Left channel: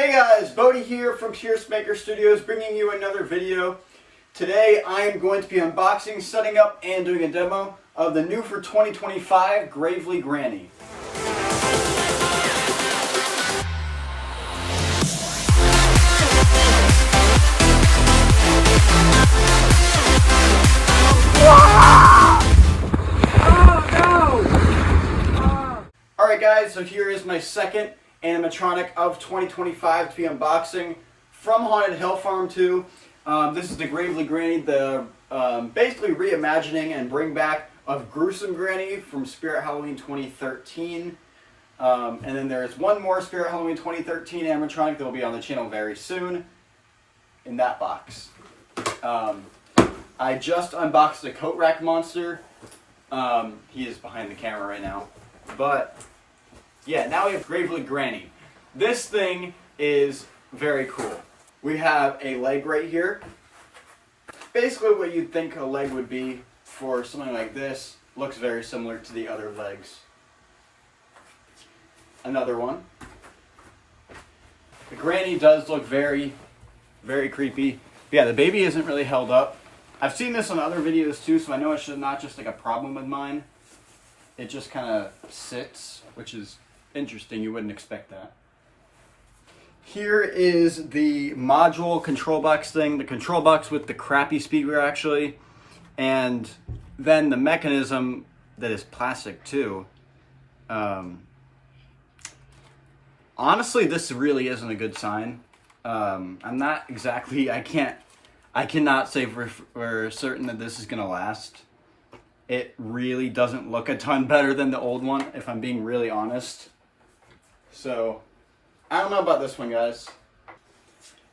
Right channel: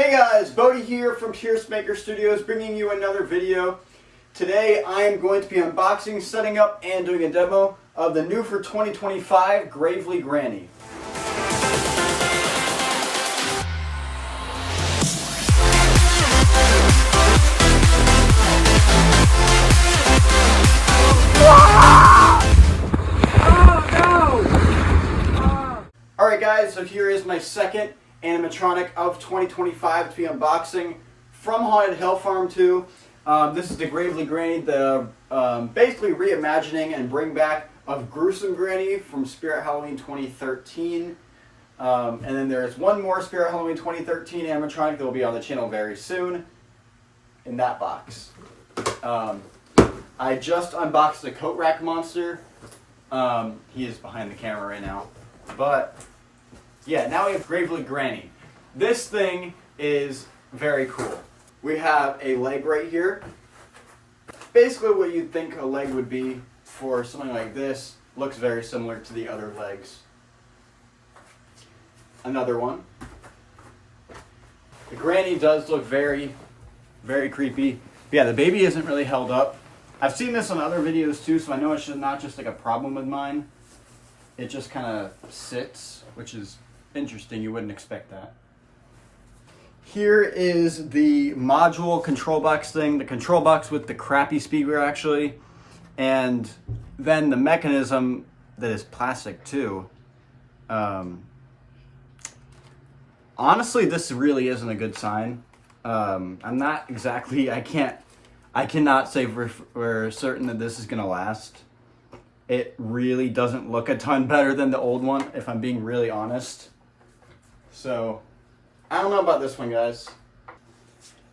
Hey guys, Bodhi here from Pierce Maker Studios bringing you another video. Today I am going to be unboxing, setting up, and doing a demo of the new for 2025 Gravely Granny. Alright guys, so here is my second animatronic of 2025 to be unboxing from Haunted Hill Farm 2. This is the Gravely Granny, the basically reimagining and bring back of Gruesome Granny from Spirit Halloween 2013. And then there's one more Spirit Halloween 2013 animatronic that will be on the channel very soon in that box. I just unboxed the coat rack monster. He is behind the camera right now. But yeah, now we have Gravely Granny. This thing is very cool. We have a leg right here. Basically what you'd think a leg would be for something like this. Looks very similar to the other legs. Another one. The granny does look very, very creepy. But yeah, the baby isn't really held up. I've seen this on other videos too, so I know it's not just like a problem with mine. It just kind of sits, which is interesting. You wouldn't expect that. Here is the module control box thing. The control box with the crappy speaker actually. And then the mechanism that is plastic too. Honestly, this really isn't a good sign. I'm not exactly, I cannot say for certain that this is going to last. It really doesn't look a ton better than the old one, if I'm being really honest. So, I don't know about this one, guys.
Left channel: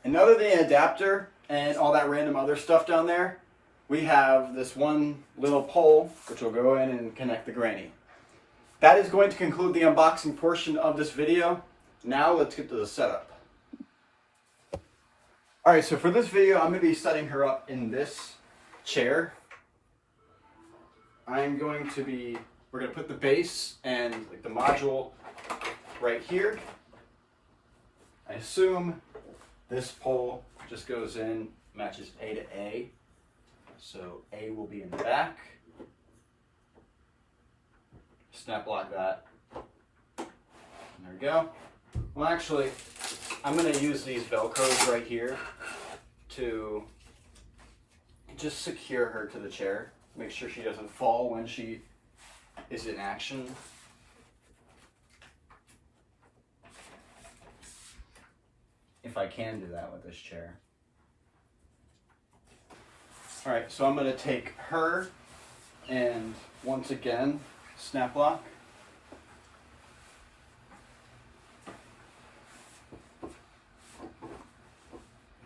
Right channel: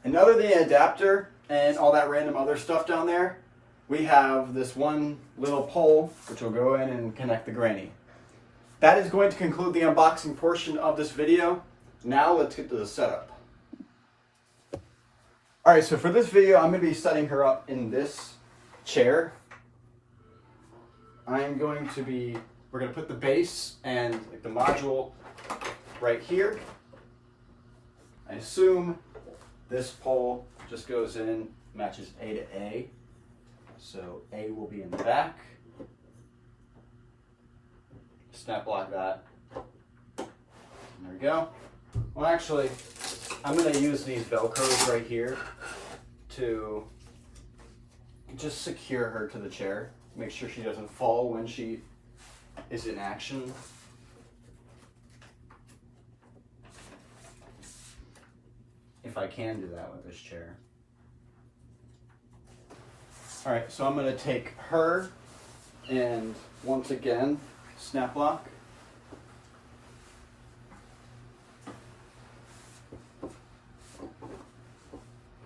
And other than the adapter and all that random other stuff down there, we have this one little pole, which will go in and connect the granny. That is going to conclude the unboxing portion of this video. Now, let's get to the setup. Alright, so for this video, I'm going to be setting her up in this chair. we're going to put the base and like the module right here. I assume this pole just goes in, matches A to A. So A will be in the back. Snap lock that. And there we go. Well, actually, I'm going to use these Velcros right here to just secure her to the chair. Make sure she doesn't fall when she is in action. If I can do that with this chair. Alright, so I'm going to take her and once again, snap lock.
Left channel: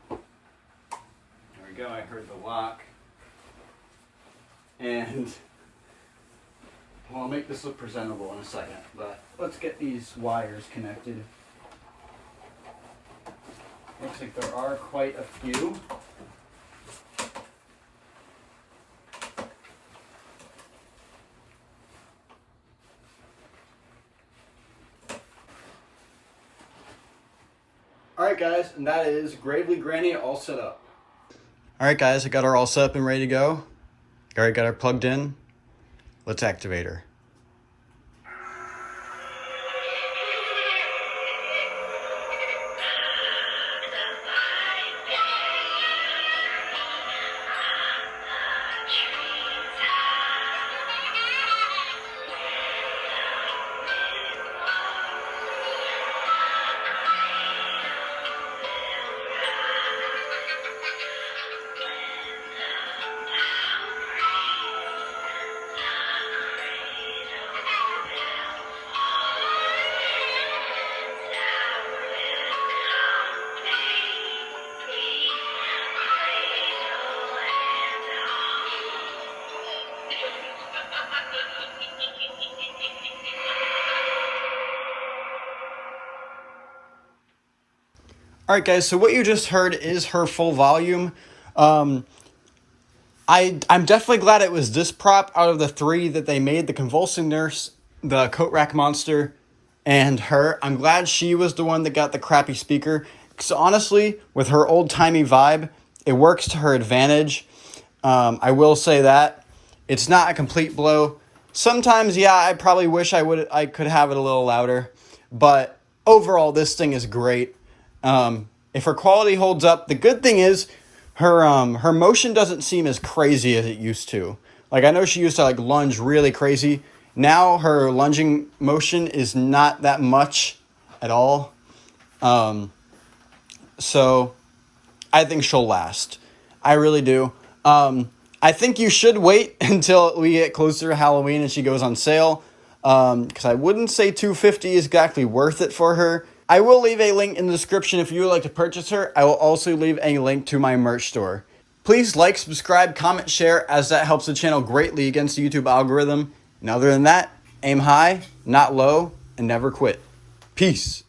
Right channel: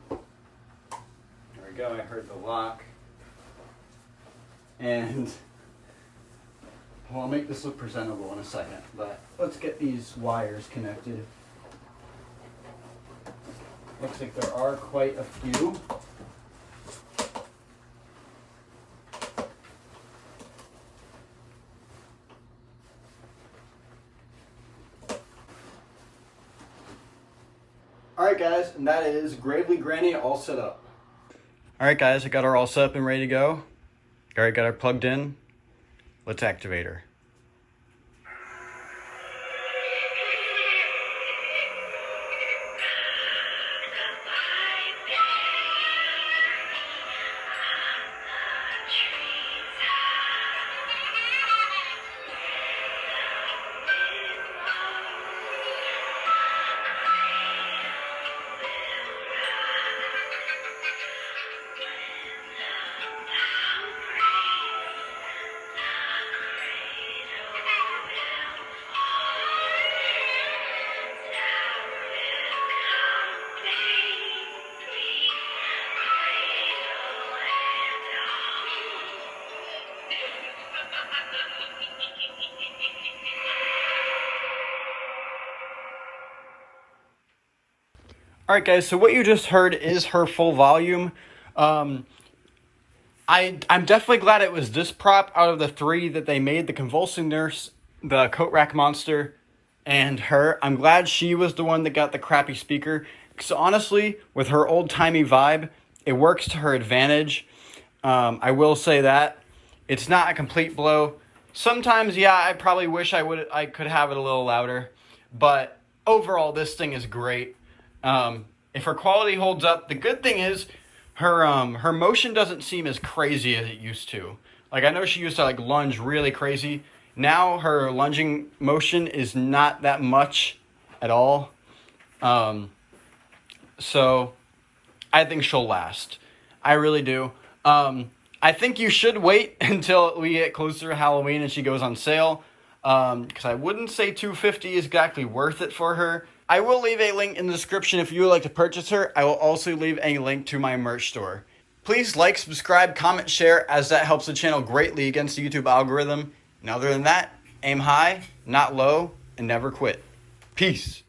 There we go, I heard the lock. And well, I'll make this look presentable in a second, but let's get these wires connected. Looks like there are quite a few. Alright guys, and that is Gravely Granny all set up. Alright guys, I got her all set up and ready to go. Alright, got her plugged in. Let's activate her. Alright guys, so what you just heard is her full volume. I'm definitely glad it was this prop out of the three that they made, the Convulsing Nurse, the Coat Rack Monster, and her. I'm glad she was the one that got the crappy speaker. Because honestly, with her old-timey vibe, it works to her advantage. I will say that. It's not a complete blow. Sometimes, yeah, I probably wish I could have it a little louder. But overall, this thing is great. If her quality holds up, the good thing is her motion doesn't seem as crazy as it used to. Like, I know she used to like lunge really crazy. Now her lunging motion is not that much at all. So I think she'll last. I really do. I think you should wait until we get closer to Halloween and she goes on sale. Because I wouldn't say $250 is exactly worth it for her. I will leave a link in the description if you would like to purchase her. I will also leave a link to my merch store. Please like, subscribe, comment, share, as that helps the channel greatly against the YouTube algorithm. And other than that, aim high, not low, and never quit. Peace.